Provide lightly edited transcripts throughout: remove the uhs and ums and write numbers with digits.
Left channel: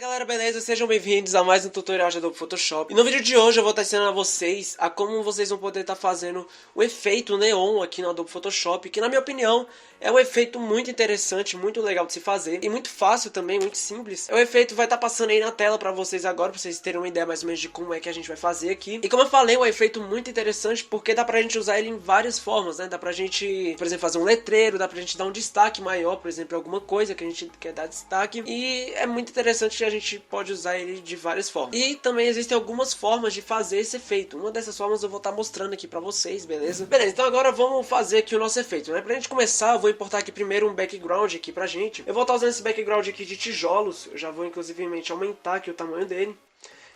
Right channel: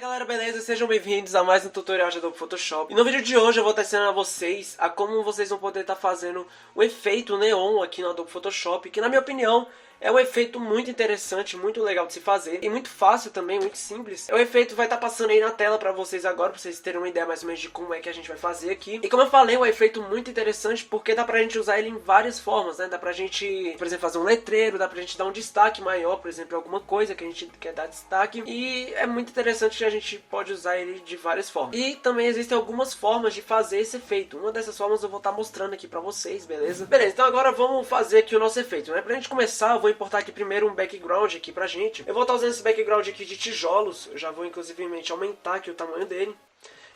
Galera, beleza? Sejam bem-vindos a mais um tutorial de Adobe Photoshop. E no vídeo de hoje eu vou estar ensinando a vocês a como vocês vão poder estar fazendo o efeito neon aqui no Adobe Photoshop, que na minha opinião é um efeito muito interessante, muito legal de se fazer e muito fácil também, muito simples. O efeito vai estar passando aí na tela pra vocês agora, pra vocês terem uma ideia mais ou menos de como é que a gente vai fazer aqui. E como eu falei, é um efeito muito interessante porque dá pra gente usar ele em várias formas, né? Dá pra gente, por exemplo, fazer um letreiro, dá pra gente dar um destaque maior, por exemplo, alguma coisa que a gente quer dar destaque. E é muito interessante que a gente pode usar ele de várias formas. E também existem algumas formas de fazer esse efeito. Uma dessas formas eu vou estar mostrando aqui pra vocês, beleza? Beleza, então agora vamos fazer aqui o nosso efeito, né? Pra gente começar, eu vou importar aqui primeiro um background aqui pra gente. Eu vou estar usando esse background aqui de tijolos. Eu já vou inclusivemente aumentar aqui o tamanho dele,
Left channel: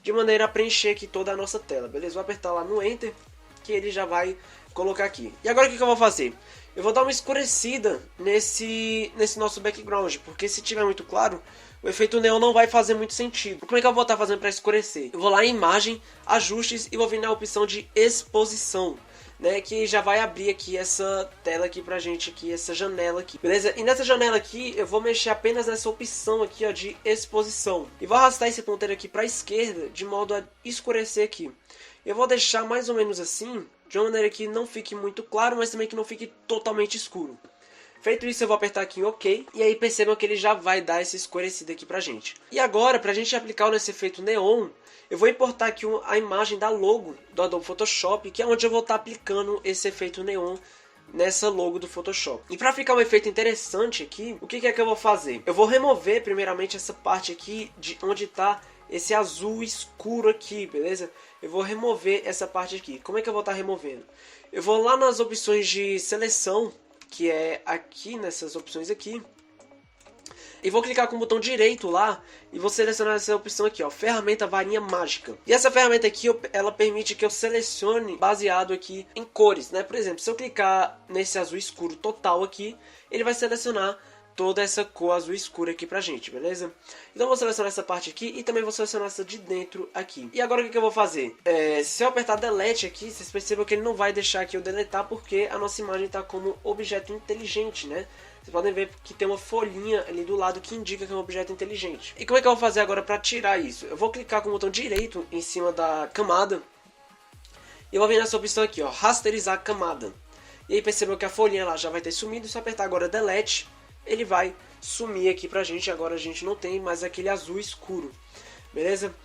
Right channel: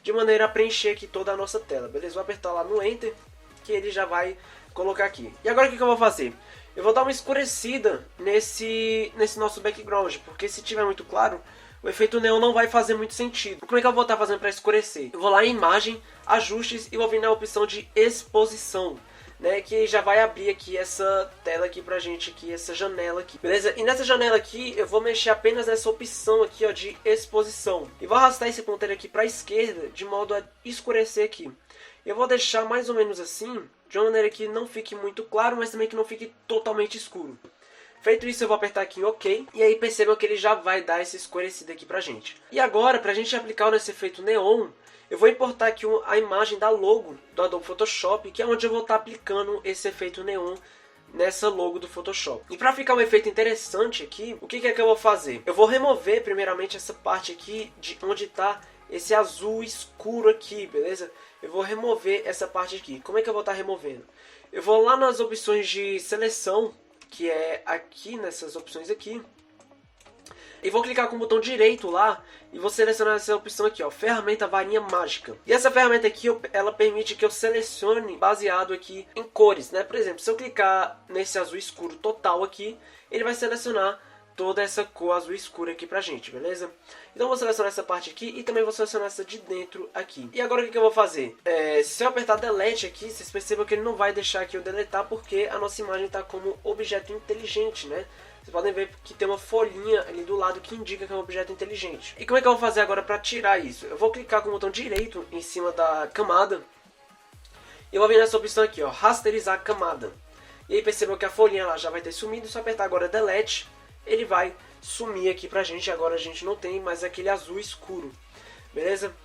de maneira a preencher aqui toda a nossa tela, beleza? Vou apertar lá no Enter, que ele já vai colocar aqui. E agora o que eu vou fazer? Eu vou dar uma escurecida nesse nosso background, porque se tiver muito claro, o efeito neon não vai fazer muito sentido. Como é que eu vou estar fazendo para escurecer? Eu vou lá em imagem, ajustes e vou vir na opção de exposição, né, que já vai abrir aqui essa tela aqui pra gente aqui, essa janela aqui, beleza? E nessa janela aqui eu vou mexer apenas nessa opção aqui, ó, de exposição. E vou arrastar esse ponteiro aqui pra esquerda, de modo a escurecer aqui. Eu vou deixar mais ou menos assim, de uma maneira que não fique muito claro, mas também que não fique totalmente escuro. Feito isso, eu vou apertar aqui em OK, e aí percebam que ele já vai dar essa escurecida aqui pra gente. E agora, pra gente aplicar nesse efeito neon, eu vou importar aqui a imagem da logo do Adobe Photoshop, que é onde eu vou estar aplicando esse efeito neon nessa logo do Photoshop. E para ficar um efeito interessante aqui, o que é que eu vou fazer? Eu vou remover primeiramente essa parte aqui de onde está esse azul escuro aqui, beleza? Eu vou remover essa parte aqui. Como é que eu vou estar removendo? Eu vou lá nas opções de seleção, que é aqui nessas opções aqui, e vou clicar com o botão direito lá e vou selecionar essa opção aqui, ó, ferramenta varinha mágica. E essa ferramenta aqui, ela permite que eu selecione baseado aqui em cores, né? Por exemplo, se eu clicar nesse azul escuro total aqui, ele vai selecionar toda essa cor azul escura aqui pra gente, beleza? Então eu vou selecionar essa parte aqui e também vou selecionar essa de dentro aqui. E agora o que eu vou fazer? Se eu apertar Delete aqui, vocês percebam que ele não vai deixar aqui eu deletar porque a nossa imagem está como objeto inteligente, né? Vocês podem ver que tem uma folhinha ali do lado que indica que é um objeto inteligente. E como é que eu vou fazer agora para tirar isso? Eu vou clicar com o botão direito em cima da camada e vou vir nessa opção aqui, ó, rasterizar camada. E aí percebam que a folhinha lá já vai ter sumido. Se eu apertar agora Delete, ele vai sumir aqui pra gente. Agora a gente não tem mais aquele azul escuro, beleza?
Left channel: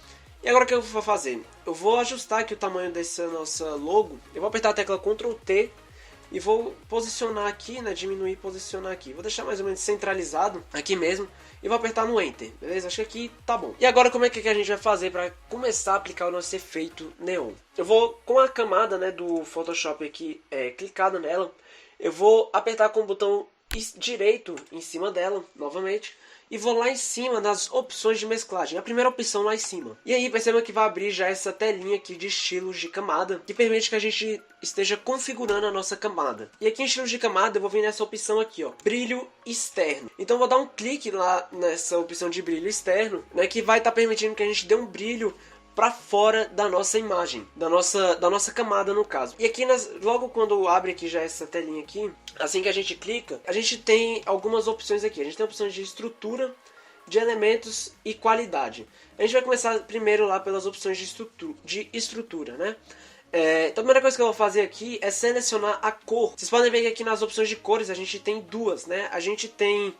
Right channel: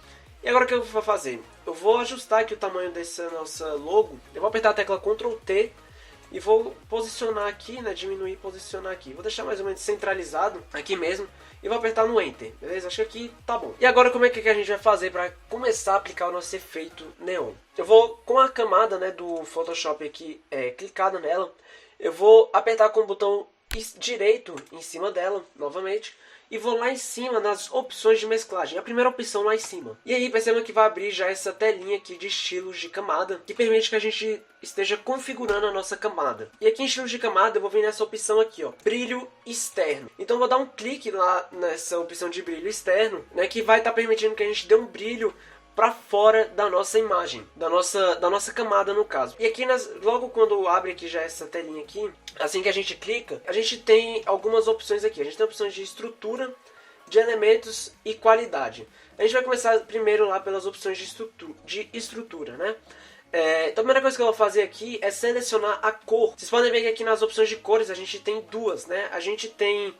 E agora o que eu vou fazer? Eu vou ajustar aqui o tamanho dessa nossa logo. Eu vou apertar a tecla Ctrl T e vou posicionar aqui, né, diminuir e posicionar aqui. Vou deixar mais ou menos centralizado aqui mesmo e vou apertar no Enter, beleza? Acho que aqui tá bom. E agora como é que a gente vai fazer para começar a aplicar o nosso efeito neon? Eu vou com a camada, né, do Photoshop aqui clicada nela, eu vou apertar com o botão direito em cima dela novamente e vou lá em cima nas opções de mesclagem, a primeira opção lá em cima. E aí perceba que vai abrir já essa telinha aqui de estilos de camada, que permite que a gente esteja configurando a nossa camada. E aqui em estilos de camada eu vou vir nessa opção aqui, ó, brilho externo. Então eu vou dar um clique lá nessa opção de brilho externo, né, que vai estar permitindo que a gente dê um brilho para fora da nossa imagem, da nossa camada no caso. E aqui logo quando abre aqui já essa telinha aqui, assim que a gente clica, a gente tem algumas opções aqui. A gente tem opções de estrutura, de elementos e qualidade. A gente vai começar primeiro lá pelas opções de estrutura, né? Então a primeira coisa que eu vou fazer aqui é selecionar a cor. Vocês podem ver que aqui nas opções de cores a gente tem duas, né? A gente tem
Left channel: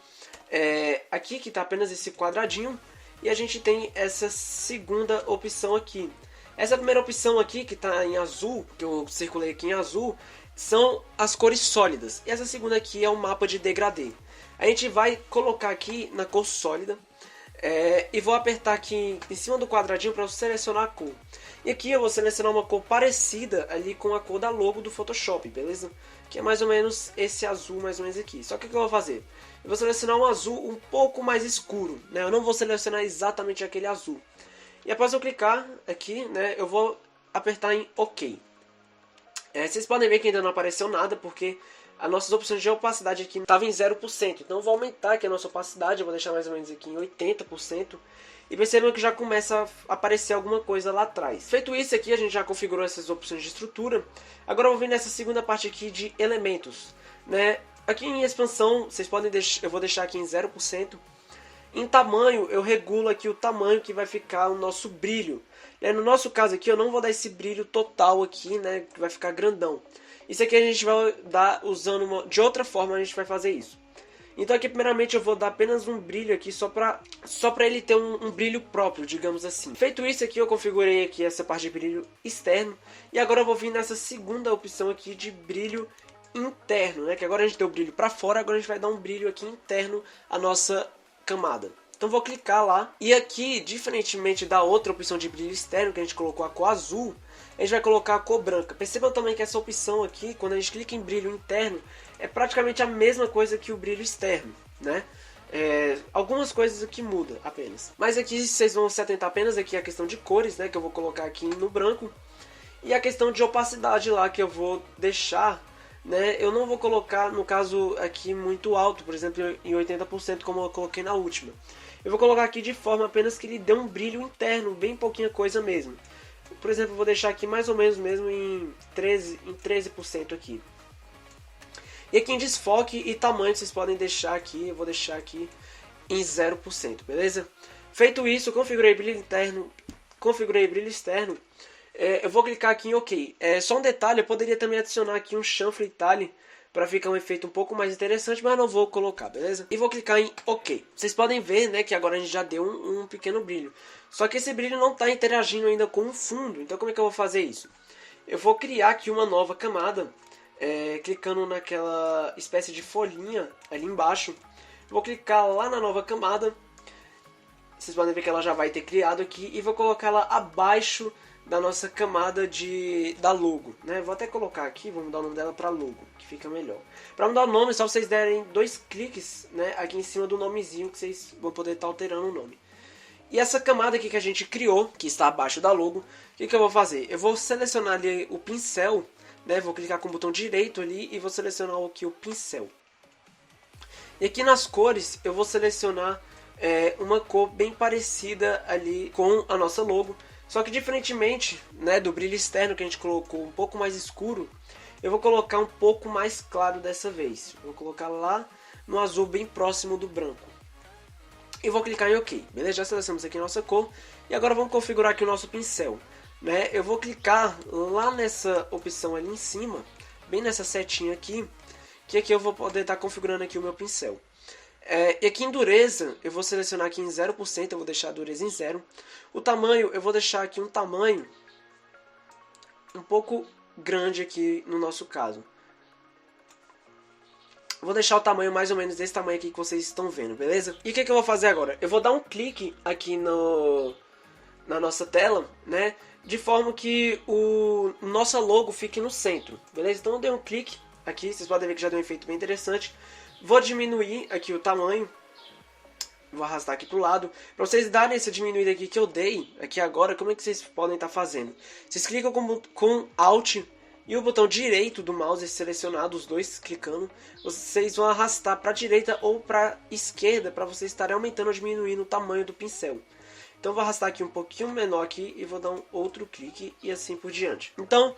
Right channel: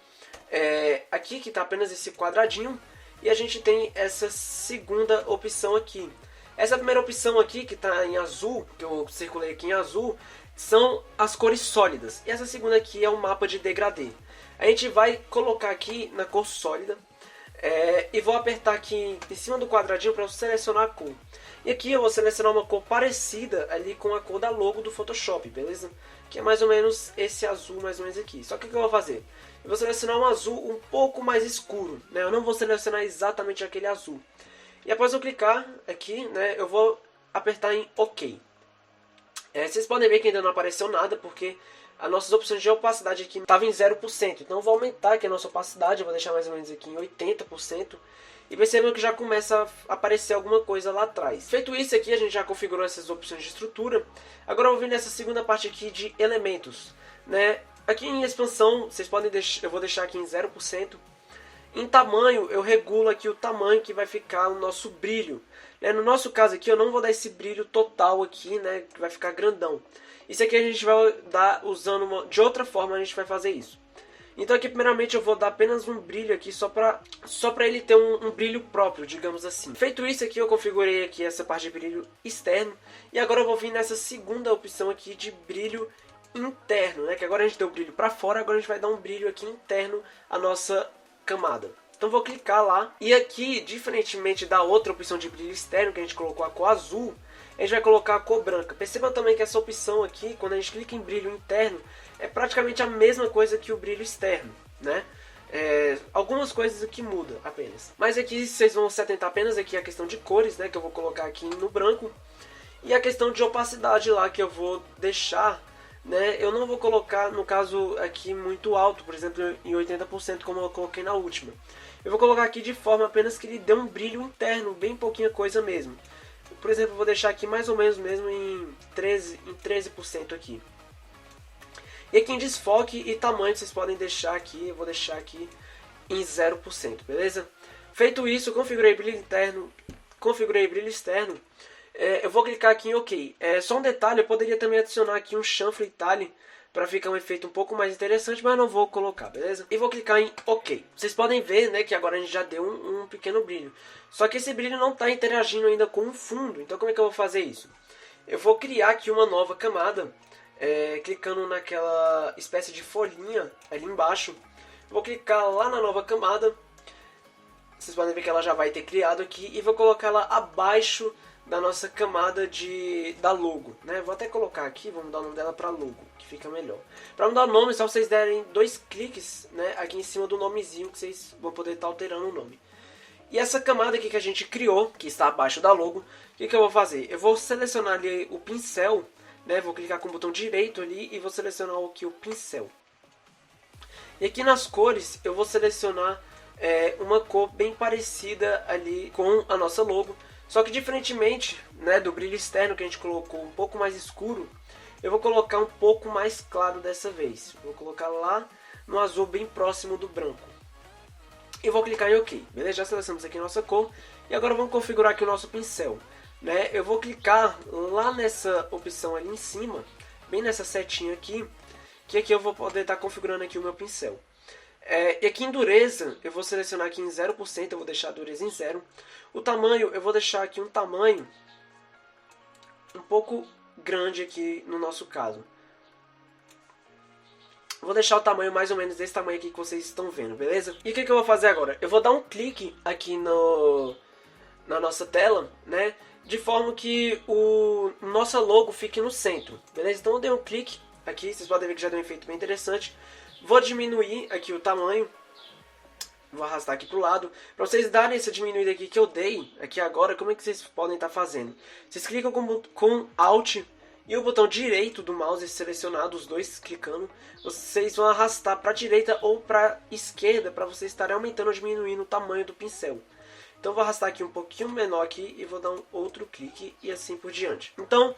aqui que está apenas esse quadradinho, e a gente tem essa segunda opção aqui. Essa primeira opção aqui, que está em azul, que eu circulei aqui em azul, são as cores sólidas. E essa segunda aqui é um mapa de degradê. A gente vai colocar aqui na cor sólida. E vou apertar aqui em cima do quadradinho para selecionar a cor. E aqui eu vou selecionar uma cor parecida ali com a cor da logo do Photoshop, beleza? Que é mais ou menos esse azul, mais ou menos aqui. Só que o que eu vou fazer? Eu vou selecionar um azul um pouco mais escuro, né? Eu não vou selecionar exatamente aquele azul. E após eu clicar aqui, né, eu vou apertar em OK. Vocês podem ver que ainda não apareceu nada, porque as nossas opções de opacidade aqui estavam em 0%. Então eu vou aumentar aqui a nossa opacidade, eu vou deixar mais ou menos aqui em 80%. E percebam que já começa a aparecer alguma coisa lá atrás. Feito isso aqui, a gente já configurou essas opções de estrutura. Agora eu vou vir nessa segunda parte aqui de elementos, né? Aqui em expansão, vocês podem deixar, eu vou deixar aqui em 0%. Em tamanho, eu regulo aqui o tamanho que vai ficar o nosso brilho. No nosso caso aqui, eu não vou dar esse brilho total aqui, né, que vai ficar grandão. Isso aqui a gente vai dar usando de outra forma, a gente vai fazer isso. Então aqui primeiramente eu vou dar apenas um brilho aqui só pra ele ter um brilho próprio, digamos assim. Feito isso aqui, eu configurei aqui essa parte de brilho externo. E agora eu vou vir nessa segunda opção aqui de brilho interno, né? Que agora a gente deu o brilho pra fora, agora a gente vai dar um brilho aqui interno à nossa camada. Então vou clicar lá. E aqui, diferentemente da outra opção de brilho externo que a gente colocou a cor azul, a gente vai colocar a cor branca. Percebam também que essa opção aqui, quando a gente clica em brilho interno, é praticamente a mesma coisa que o brilho externo, né? Algumas coisas aqui mudam apenas. Mas aqui vocês vão se atentar apenas aqui à questão de cores, né? Que eu vou colocar aqui no branco. E a questão de opacidade lá, que eu vou deixar, né? Eu não vou colocar, no caso aqui, muito alto, por exemplo, em 80%, como eu coloquei na última. Eu vou colocar aqui de forma apenas que ele dê um brilho interno, bem pouquinha coisa mesmo. Por exemplo, eu vou deixar aqui mais ou menos mesmo em 13% aqui. E aqui em desfoque e tamanho vocês podem deixar aqui, eu vou deixar aqui em 0%, beleza? Feito isso, configurei brilho interno, configurei brilho externo. Eu vou clicar aqui em OK. Só um detalhe, eu poderia também adicionar aqui um chanfle tile para ficar um efeito um pouco mais interessante, mas não vou colocar, beleza? E vou clicar em OK. Vocês podem ver, né, que agora a gente já deu um pequeno brilho. Só que esse brilho não está interagindo ainda com o fundo, então como é que eu vou fazer isso? Eu vou criar aqui uma nova camada, clicando naquela espécie de folhinha ali embaixo. Vou clicar lá na nova camada. Vocês podem ver que ela já vai ter criado aqui. E vou colocar ela abaixo da nossa camada da logo, né? Vou até colocar aqui, vou mudar o nome dela para logo, que fica melhor. Para mudar o nome, é só vocês derem 2 cliques, né, aqui em cima do nomezinho, que vocês vão poder estar alterando o nome. E essa camada aqui que a gente criou, que está abaixo da logo, o que eu vou fazer? Eu vou selecionar ali o pincel, né? Vou clicar com o botão direito ali e vou selecionar aqui o pincel. E aqui nas cores eu vou selecionar uma cor bem parecida ali com a nossa logo. Só que diferentemente, né, do brilho externo que a gente colocou um pouco mais escuro, eu vou colocar um pouco mais claro dessa vez. Vou colocar lá no azul bem próximo do branco. E vou clicar em OK. Beleza? Já selecionamos aqui a nossa cor. E agora vamos configurar aqui o nosso pincel. Né? Eu vou clicar lá nessa opção ali em cima, bem nessa setinha aqui, que aqui eu vou poder estar configurando aqui o meu pincel. E aqui em dureza, eu vou selecionar aqui em 0%, eu vou deixar a dureza em 0. O tamanho, eu vou deixar aqui um tamanho um pouco grande aqui no nosso caso. Vou deixar o tamanho mais ou menos desse tamanho aqui que vocês estão vendo, beleza? E o que eu vou fazer agora? Eu vou dar um clique aqui na nossa tela, né? De forma que o nossa logo fique no centro, beleza? Então eu dei um clique aqui, vocês podem ver que já deu um efeito bem interessante. Vou diminuir aqui o tamanho. Vou arrastar aqui para o lado. Para vocês darem essa diminuída aqui que eu dei, aqui agora, como é que vocês podem estar fazendo? Vocês clicam com Alt e o botão direito do mouse selecionado, os dois clicando. Vocês vão arrastar para a direita ou para a esquerda para vocês estarem aumentando ou diminuindo o tamanho do pincel. Então vou arrastar aqui um pouquinho menor aqui e vou dar um outro clique e assim por diante. Então,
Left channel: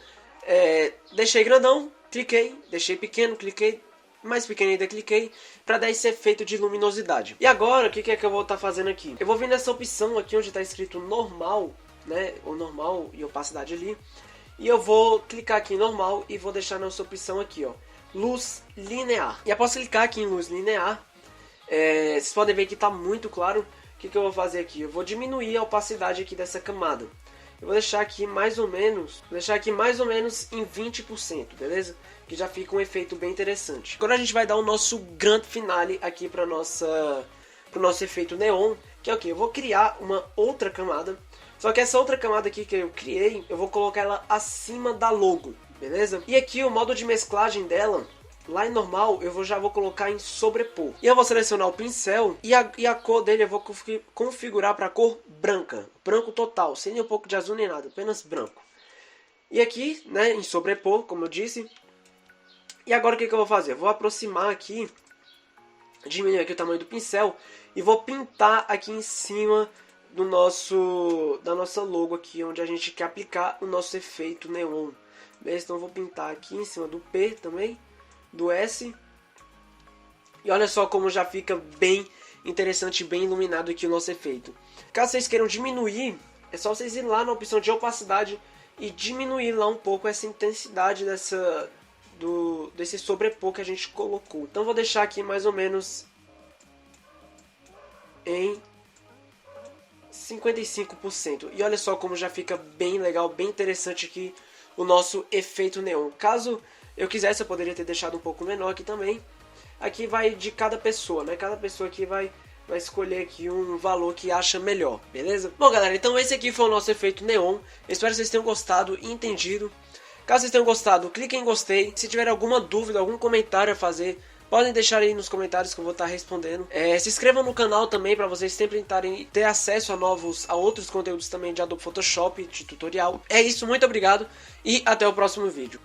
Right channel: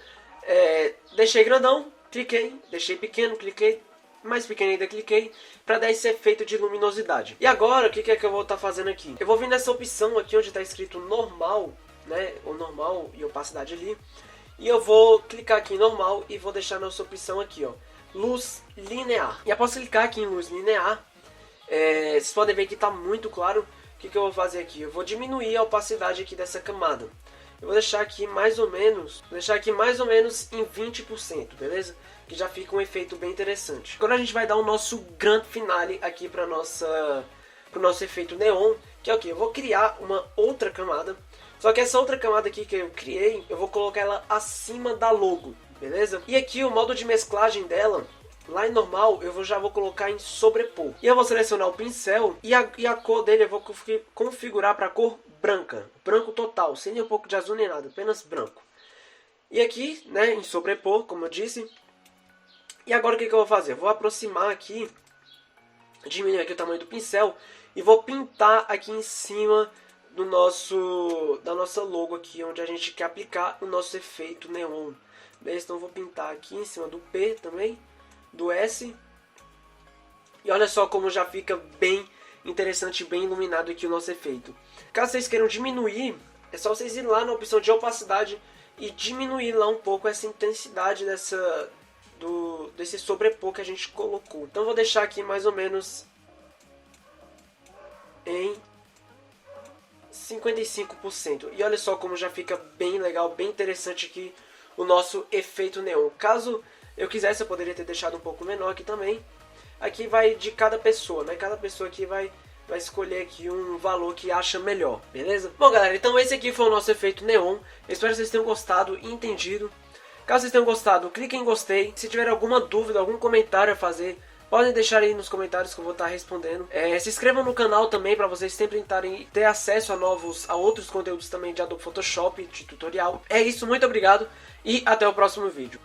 deixei grandão, cliquei, deixei pequeno, cliquei, mais pequeno ainda cliquei, para dar esse efeito de luminosidade. E agora, o que é que eu vou estar fazendo aqui? Eu vou vir nessa opção aqui onde está escrito normal, né, o normal e opacidade ali, e eu vou clicar aqui em normal e vou deixar nossa opção aqui, ó, luz linear. E após clicar aqui em luz linear, vocês podem ver que está muito claro. O que eu vou fazer aqui? Eu vou diminuir a opacidade aqui dessa camada. Eu vou deixar aqui mais ou menos em 20%, beleza? Que já fica um efeito bem interessante. Agora a gente vai dar o nosso grande finale aqui para o nosso efeito neon, que é o que? Eu vou criar uma outra camada, só que essa outra camada aqui que eu criei, eu vou colocar ela acima da logo, beleza? E aqui o modo de mesclagem dela, lá em normal, eu já vou colocar em sobrepor. E eu vou selecionar o pincel e a cor dele eu vou configurar para cor branca. Branco total, sem nem um pouco de azul nem nada, apenas branco. E aqui, né, em sobrepor, como eu disse. E agora o que eu vou fazer? Eu vou aproximar aqui, diminuir aqui o tamanho do pincel e vou pintar aqui em cima da nossa logo aqui, onde a gente quer aplicar o nosso efeito neon. Beleza? Então eu vou pintar aqui em cima do P também, do S. E olha só como já fica bem interessante e bem iluminado aqui o nosso efeito. Caso vocês queiram diminuir, é só vocês ir lá na opção de opacidade e diminuir lá um pouco essa intensidade desse sobrepor que a gente colocou. Então vou deixar aqui mais ou menos em 55%. E olha só como já fica bem legal, bem interessante aqui o nosso efeito neon. Caso eu quisesse, eu poderia ter deixado um pouco menor aqui também. Aqui vai de cada pessoa, né? Cada pessoa aqui vai escolher aqui um valor que acha melhor, beleza? Bom, galera, então esse aqui foi o nosso efeito neon. Eu espero que vocês tenham gostado e entendido. Caso vocês tenham gostado, clique em gostei. Se tiver alguma dúvida, algum comentário a fazer, podem deixar aí nos comentários que eu vou estar respondendo. Se inscrevam no canal também para vocês sempre ter acesso a outros conteúdos também de Adobe Photoshop, de tutorial. É isso, muito obrigado e até o próximo vídeo.